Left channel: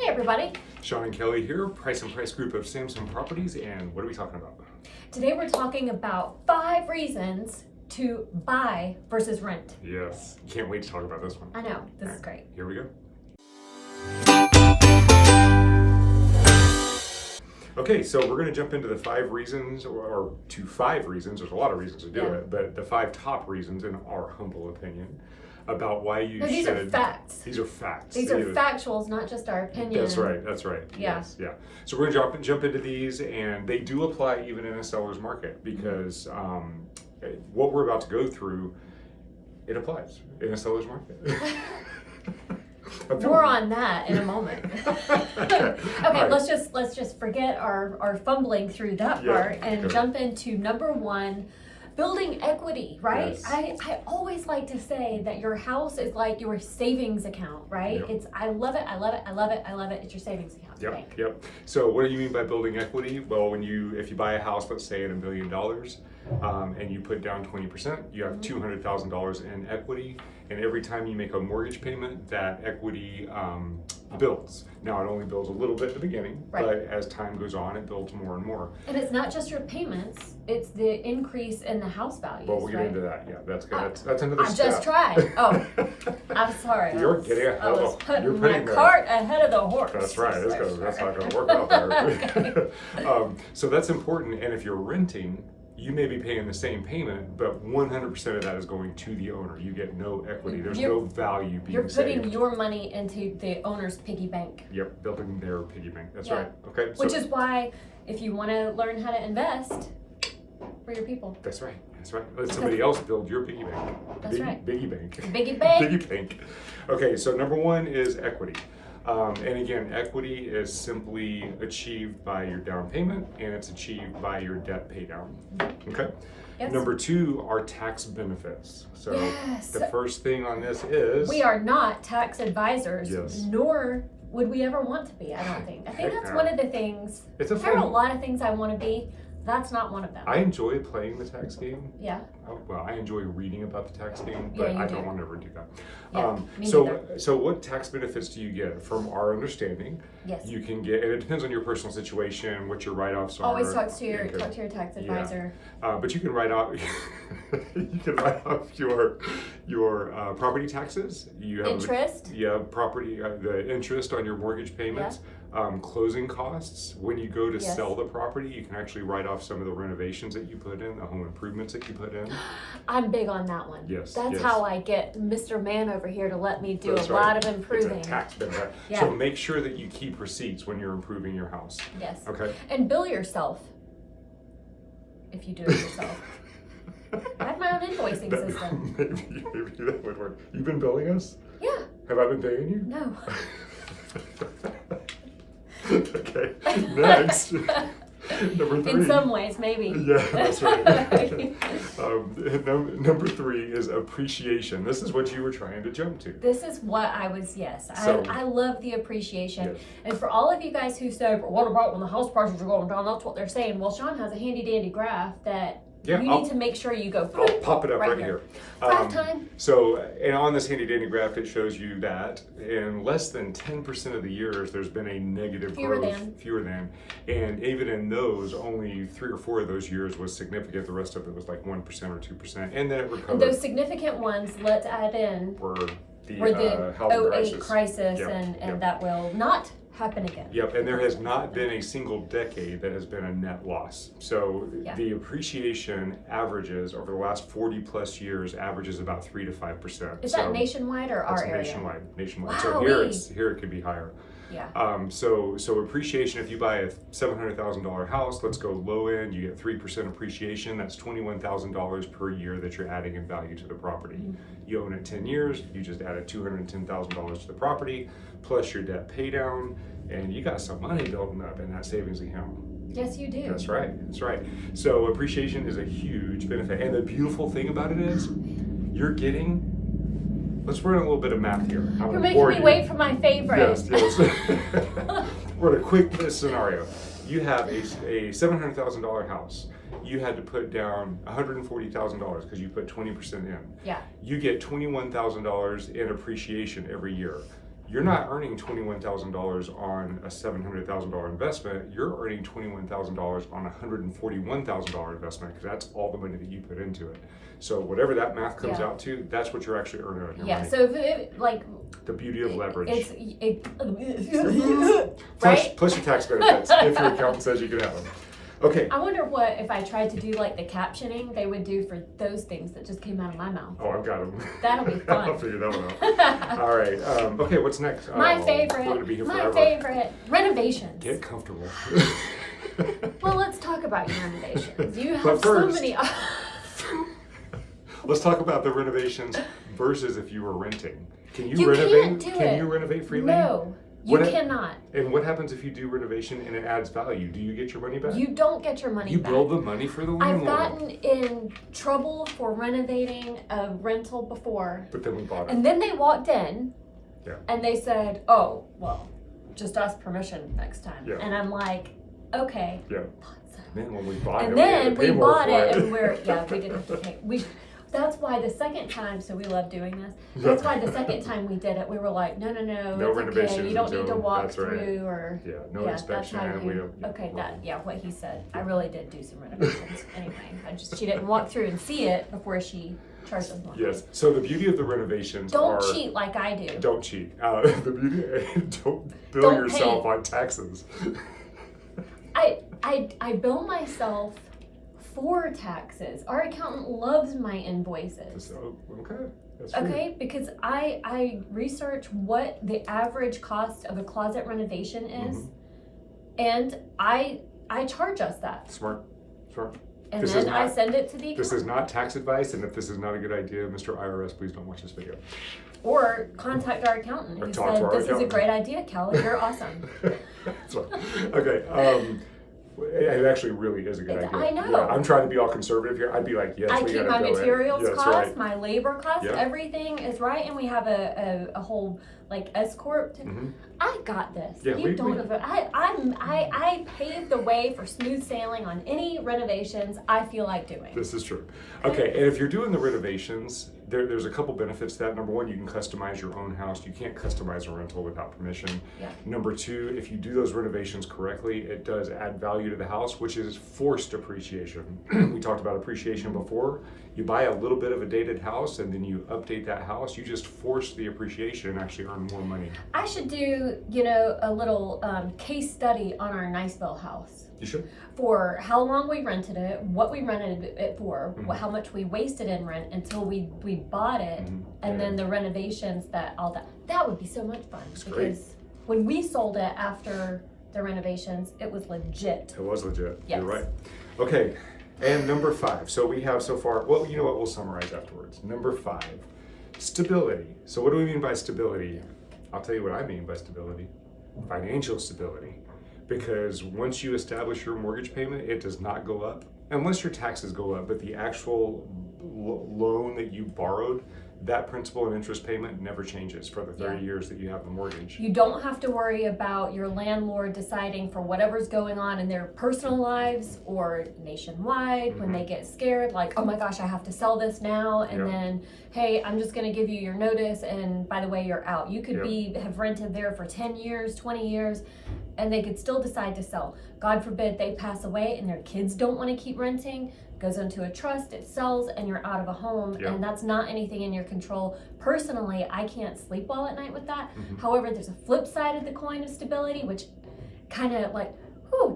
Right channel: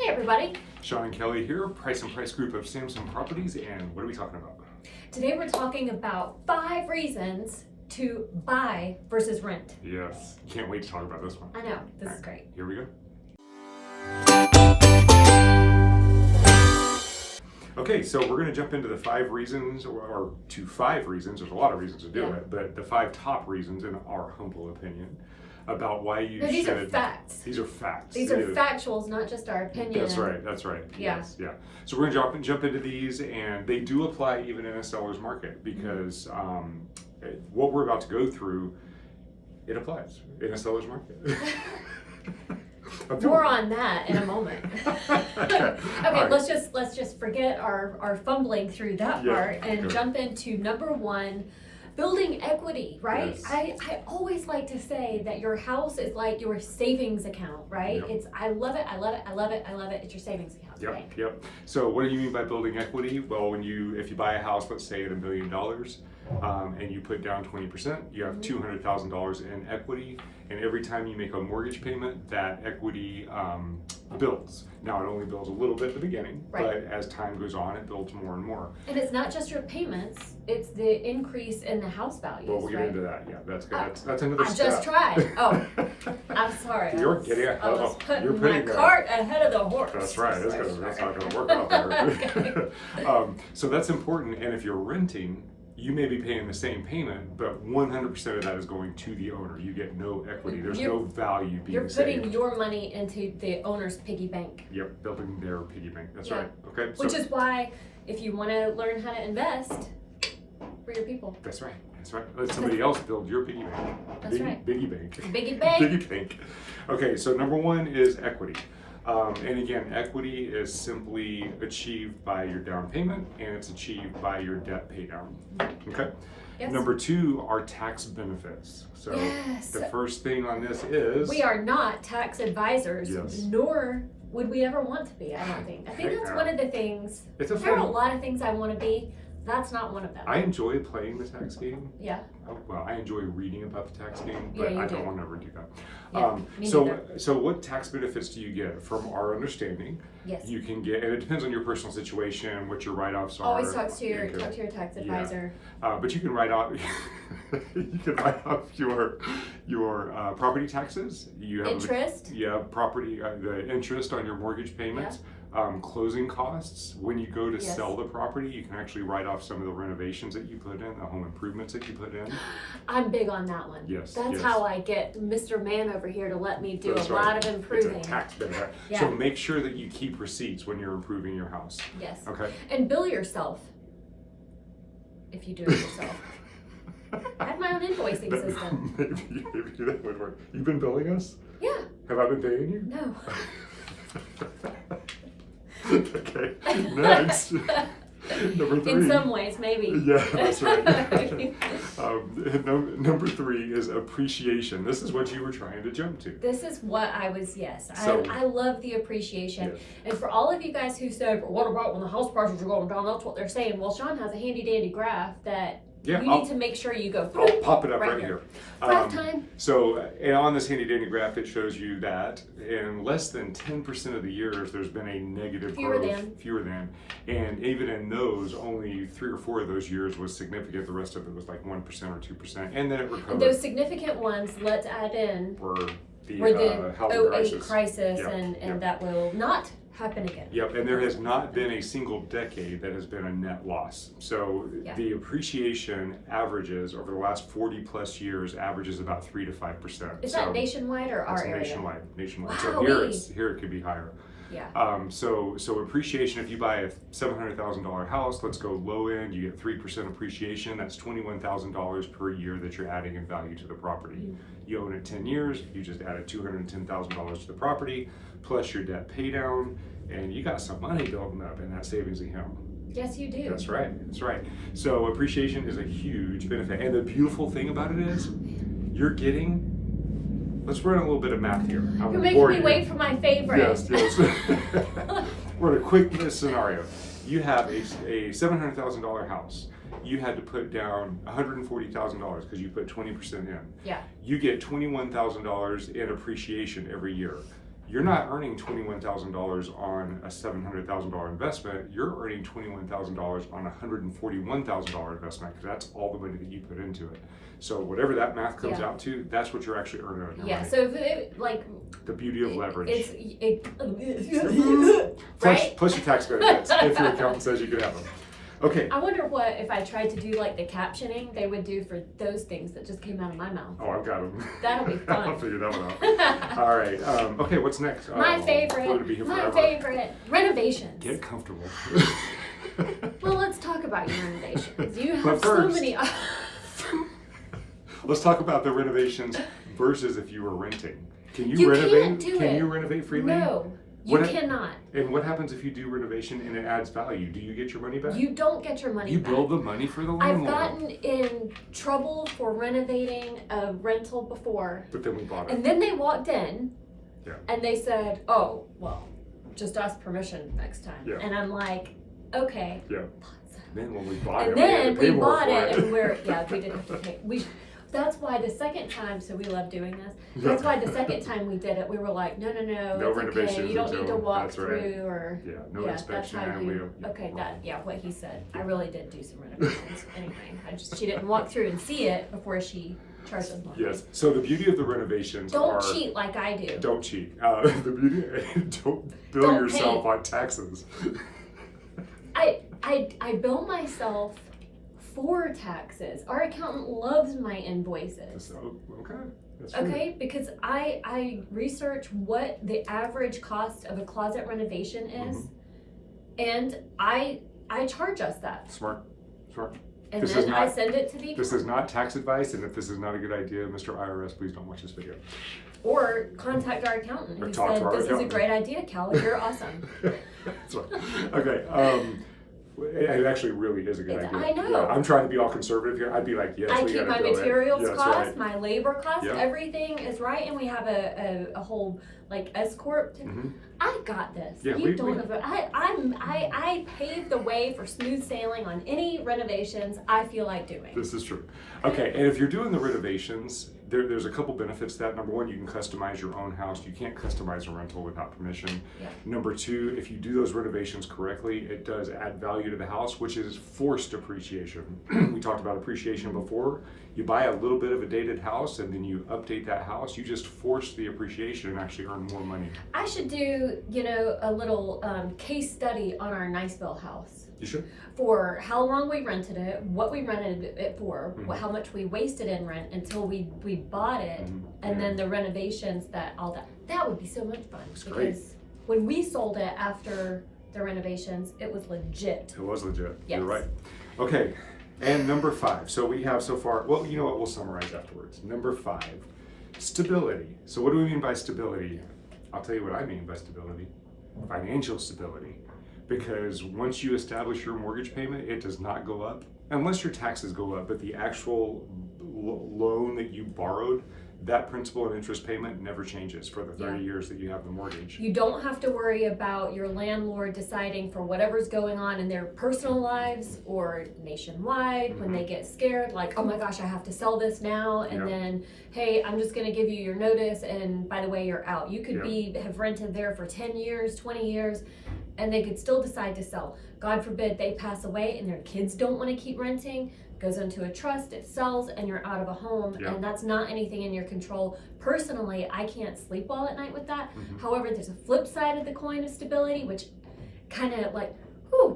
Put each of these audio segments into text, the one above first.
Hey everybody. Sean and Kelly here, Price and Price Group of Samson Properties, and what are we talking about? Today we're talking about 5 reasons to buy versus rent. Yes, can't wait to talk about this one. I know, this is great. Here we go. Okay, so we're going to jump into the 5 reasons, or to 5 reasons. There's a lot of reasons to do it, but the 5 top reasons, in our humble opinion, about why you should. These are facts. These are facts. These are factuals, not just our opinion. That's right. That's right. Yeah. Yes. Yeah. So we're going to jump into these, and they do apply even in a seller's market because what we're about to go through, it applies in a seller's market. More on that in a moment. Okay, right. let's just forget our fumbling through that part and jump into number 1. Building equity, right? Yes. I always like to say that your house is like your savings account, right? Yep. I love it. It's your savings account. Yep, Right? yep. So what do you mean by building equity? Well, if you buy a house, let's say at $1 million, and you put down 20%, you have $200,000 in equity, and every time you make a mortgage payment, that equity builds. Now it only builds a little bit at the beginning, but as time goes on, it builds more and more. And it's not just your payments; it's the increase in the house value. Well, we'll get into that. Yeah, that's good. That's another step. I just tried. Oh, I'm sorry. You're getting ahead of you're putting my cart ahead of the horse. That's right. That's not going to work out there. So that's important. And if you're renting, you may be paying the same payment, but 100% of that is going to the owner. You get no equity. There's no value being saved. You're putting your money into the owner's piggy bank. Yep, building their piggy bank. That's right. Okay. Which is why, if you want to learn how to invest for your people. That's right. That's right. Let somebody else build your piggy bank. That's right. Biggie bank. Biggie bank. Biggie bank. Okay, so number 1 is equity. And again, equity is simply achieved by your down payment, and it's achieved by your debt pay down. Okay? Yes. Number 2 are tax benefits. So the first thing on this is... We are not tax advisors, Yes. nor would we ever want to be, I don't think. I think that's one of the things. It's a there are a fun... lot of things I want to be. That's not one of them. I enjoy playing the tax game. Yeah. Well, I enjoy reading about the tax game, Yeah, but you I do. don't want to ever do that. Yeah, So what tax benefits do you get? From our understanding, Yes. you can get, and it depends on your personal situation, what your write-offs are. Always talk to your tax advisor. But you can write off your property taxes. You have Interest. property the interest on your mortgage payments. Closing costs. When you go to sell the property, you can actually write off some of the renovations that you put in, the home improvements that you put in. I'm big on that one. Yes. That's how I get Mr. Man over here to let me do That's a right. lot of improving. It's a tax benefit. Yeah. So make sure that you keep receipts when you're improving your house. Yes. Okay. And bill yourself if you do it yourself. I have my own invoicing system. Maybe that would work. You've been billing us? Yeah. Have I been paying you? No. Okay. Next. Number 3. In some ways, maybe. Yeah, that's right. Number 3 is appreciation. This is what you were trying to jump to. This is what I was, So, I love the appreciation. Yes. And for all of you guys who say, but what about when the house prices are going down? That's what they're saying. Well, Sean has a handy dandy graph that you need to make sure you go. I'll pop it up right here. Time. So, and on this handy dandy graph, it shows you that in less than 10% of the years, there's been a negative growth. Fewer than. And even in those, only 3 or 4 of those years was significant. The rest of it was like 1% or 2%. And then it recovered. And those significant ones, let's add in, were the housing 08 crisis and that will not happen again. Yep, and there has not been a single decade that has been a net loss. So the appreciation averages over the last 40 plus years averages about 3 to 5%. Is that nationwide or our area? Nationwide. Wow. So here it could be higher. Yeah. So appreciation, if you buy a $700,000 house, let's go low end, you get 3% appreciation. That's $21,000 per year that you're adding in value to the property. Mm-hmm. You own it 10 years, you just added $210,000 to the property, plus your debt pay down, and you got some money building up in that savings account. Yes, you do. That's right. That's right. So appreciation is a huge benefit. And the beautiful thing about it is you're getting... Let's run a little bit of math here. You're making me wait for my favorite. Yes. We're in a quick scenario. You have a $700,000 house. You had to put down $140,000 because you put 20% in. Yeah. You get $21,000 in appreciation every year. you're not earning $21,000 on a $700,000 investment. You're earning $21,000 on a $141,000 investment because that's all the money that you put into it. So whatever that math comes out to, that's what you're actually earning on your money. So if it, like, the beauty of leverage. Right? Plus your tax benefits if your accountant says you can have them. Okay. I wonder what if I tried to do like the captioning they would do for those things that just came out of my mouth. Oh, I've got them. That'll be fun. I'll figure that one out. All right. Okay, what's next? My favorite. We're gonna be here my forever. favorite. Renovations. Get comfortable. Well, let's talk about your renovations. You have But first, so many. Let's talk about the renovations versus if you were renting. Can you, You renovate? can't do Can it. you renovate freely? No, you cannot. And what happens if you do renovation and it adds value? Do you get your money back? You don't get your money You back. build the money for the I've landlord. gotten in trouble for renovating a rental before. But then we bought it. And then they walked in Yeah. and they said, oh, well, just ask permission next time. Yeah. And I'm like, okay. Yeah. And then when we bought it, And we had then to pay we more bought for it and we didn't have to pay. That's why the second time, so we love doing this. That's why the second time we did it, we were like, no, No it's renovations okay. You don't need to until- walk that's right. through or no that's inspection. how We you, don't. okay, what he said. I really did do some renovations. Anyway, she didn't walk through and see it before she charged us more. Yes. So the beauty of the renovations Don't cheat like I do. Don't cheat. The beauty. Don't bill Don't yourself pay. on taxes. I bill myself for taxes. Our accountant loves my invoices. So, okay. That's true. Okay, because I research what the average cost of a closet renovation is, and I charge us that. Smart. And This then is not- I send it to the This accountant. is not tax advice, and if this is not a good idea, Mr. IRS, please don't watch this video. Or contact our accountant Or who talk to said, our this is a accountant." great idea, Kelly, you're awesome. That's right. Okay. It actually really is a good idea. I know. Yeah, I'm trying to be all conservative here. I'd be like, yes, I we keep gotta my bill materials it. Yeah, that's cost, right. my labor cost, Yeah. everything is right, and we have a whole like S corp. I got this. Yeah, You don't. I paved the way for smooth sailing on any renovations I feel like doing. This is true. Okay, and if you're doing the renovations, there's a couple benefits to that. Number one, you can customize your own house. You can't customize a rental without permission. Yeah. Number two, if you do those renovations correctly, it does add value to the house, which is forced appreciation. We talked about appreciation before. You buy a little bit of a dated house and then you update that house. You just force the appreciation and actually earn more money. I should do, a little case study on our Niceville house. You should. For how long we rented it, what we rented it for, how much we wasted in rent until we bought it, and then the renovations, that would be so much fun. It's because great. when we sold it after the renovations, it was legit. It was legit. Yes. You're right. Okay, and number 5. So we have so far, well, you know what, we'll summarize afterwards. Number 5, stability. So what do we mean by stability? I'll tell you what I mean by stability. Financial stability. Because once you establish your mortgage payment, it does not go up unless your taxes go up, but the actual loan that you borrowed, that principal and interest payment never changes for the 30 years that you have the mortgage. You don't have to worry about your landlord deciding for whatever's going on in their personal lives or nationwide when they get scared, like, oh my gosh, I have to sell this now, and then, hey, I'm just gonna give you your notice, and by the way, you're out. You could have rented there for 10 years, 20 years, and they could still decide to sell. God forbid they pass away and their kids don't want to keep renting, goes into a trust, it sells, and you're out of a home, and that's not anything in your control. Personally, I can't sleep well at night with that. However, there's a flip side of the coin of stability, which kind of like,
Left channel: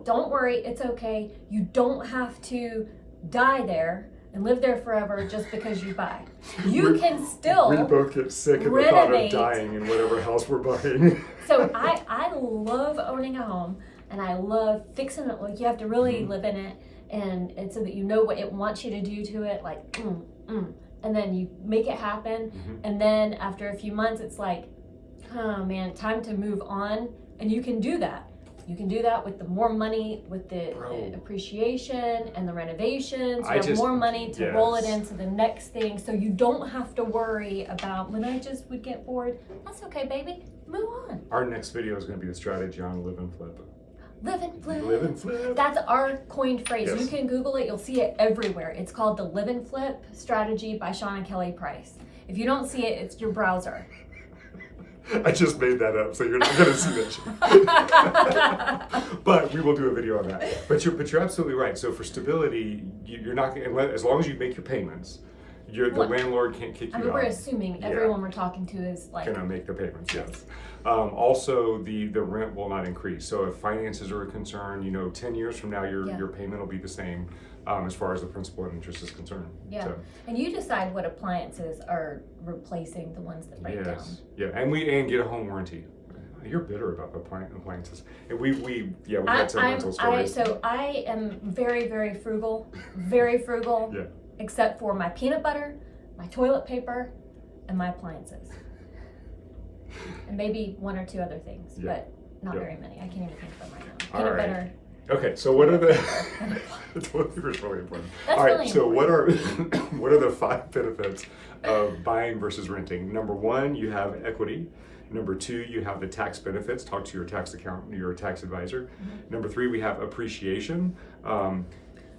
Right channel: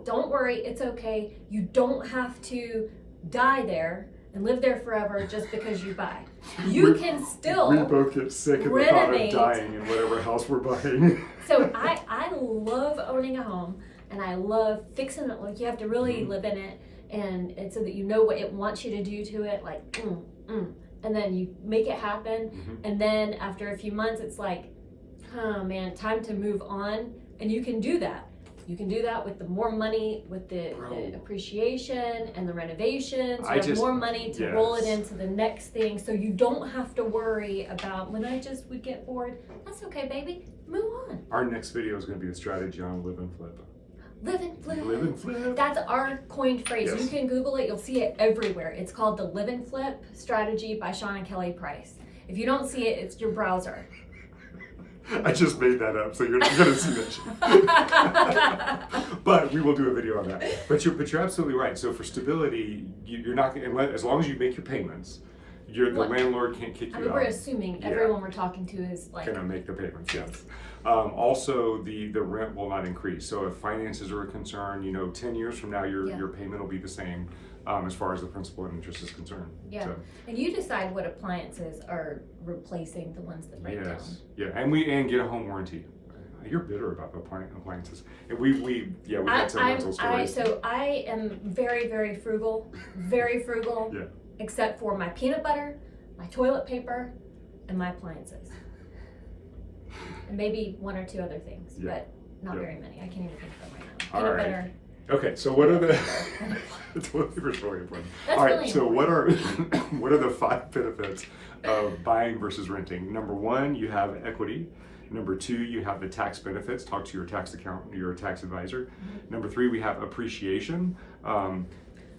don't worry, it's okay. You don't have to die there and live there forever just because you buy. You can still We both get sick at the thought of renovate. dying in whatever house we're buying. So I love owning a home, and I love fixing it. Like, you have to really live in it, and so that you know what it wants you to do to it, like, and then you make it happen, and then after a few months, it's like, oh man, time to move on, and you can do that. You can do that with the more money, with the appreciation and the renovations. You have more money to roll it into the next thing, so you don't have to worry about when I just would get bored. That's okay, baby. Move on. Our next video is going to be the strategy on live and flip. Live and flip. Live and flip. That's our coined phrase. Yes. You can Google it. You'll see it everywhere. It's called the Live and Flip Strategy by Sean and Kelly Price. If you don't see it, it's your browser. I just made that up, so you're not going to see that shit. But we will do a video on that. But you're absolutely right. So for stability, you're not as long as you make your payments, the landlord can't kick you out. We're assuming everyone we're talking to is like gonna make the payments. Yes. Also, the rent will not increase. So if finances are a concern, 10 years from now, your payment will be the same as far as the principal and interest is concerned. Yeah. So, and you decide what appliances are replacing the ones that break down. Yeah, and get a home warranty. You're bitter about the appliances, and we had some rental stories. So I am very, very frugal, very frugal. Yeah. Except for my peanut butter, my toilet paper, and my appliances, and maybe one or two other things, but not very many. I can't even think of them right now. All Peanut right. butter. Okay, so what are the toilet paper is really important. That's All right, really so important. what are the 5 benefits of buying versus renting? Number 1, you have equity. Number 2, you have the tax benefits. Talk to your tax accountant, your tax advisor. Number 3, we have appreciation.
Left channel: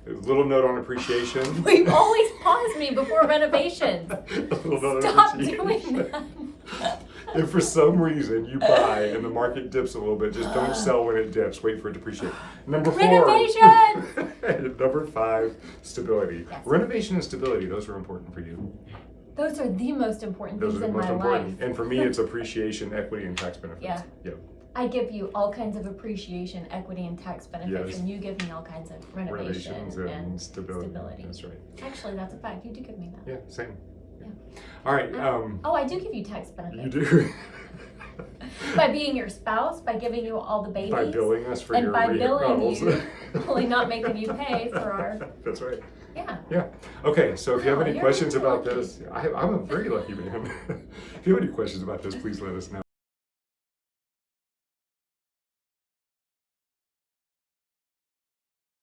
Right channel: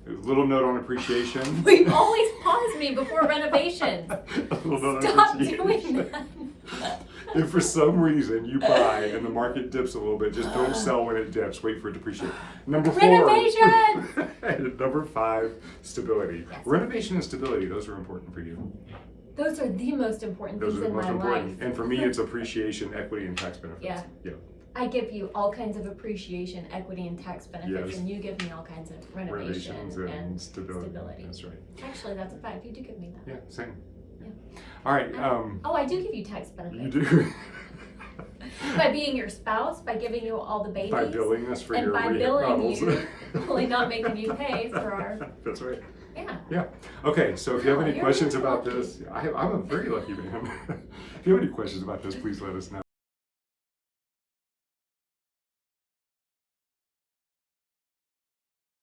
Little note on appreciation. You always pause me before renovations. Stop doing that. If for some reason you buy and the market dips a little bit, just don't sell when it dips. Wait for it to appreciate. Number 4. Renovation! Number 5, stability. Yes. Renovation and stability, those are important for you. Those are the most important Those things are the in most my important. life. And for me, it's appreciation, equity, and tax benefits. Yeah. I give you all kinds of appreciation, equity, and tax benefits, Yes. and you give me all kinds of Renovations and stability. That's right. Actually, that's a fact. You do give me that. Yeah, same. Yeah. All right. I do give you tax benefits. You do. By being your spouse, by giving you all the babies. By billing us for and your by billing remodels. you, only not making you pay for our. That's right. Yeah. Yeah. Okay, so if you have any You're questions really about lucky. this, I'm a very lucky man. If you have any questions about this, please let us know.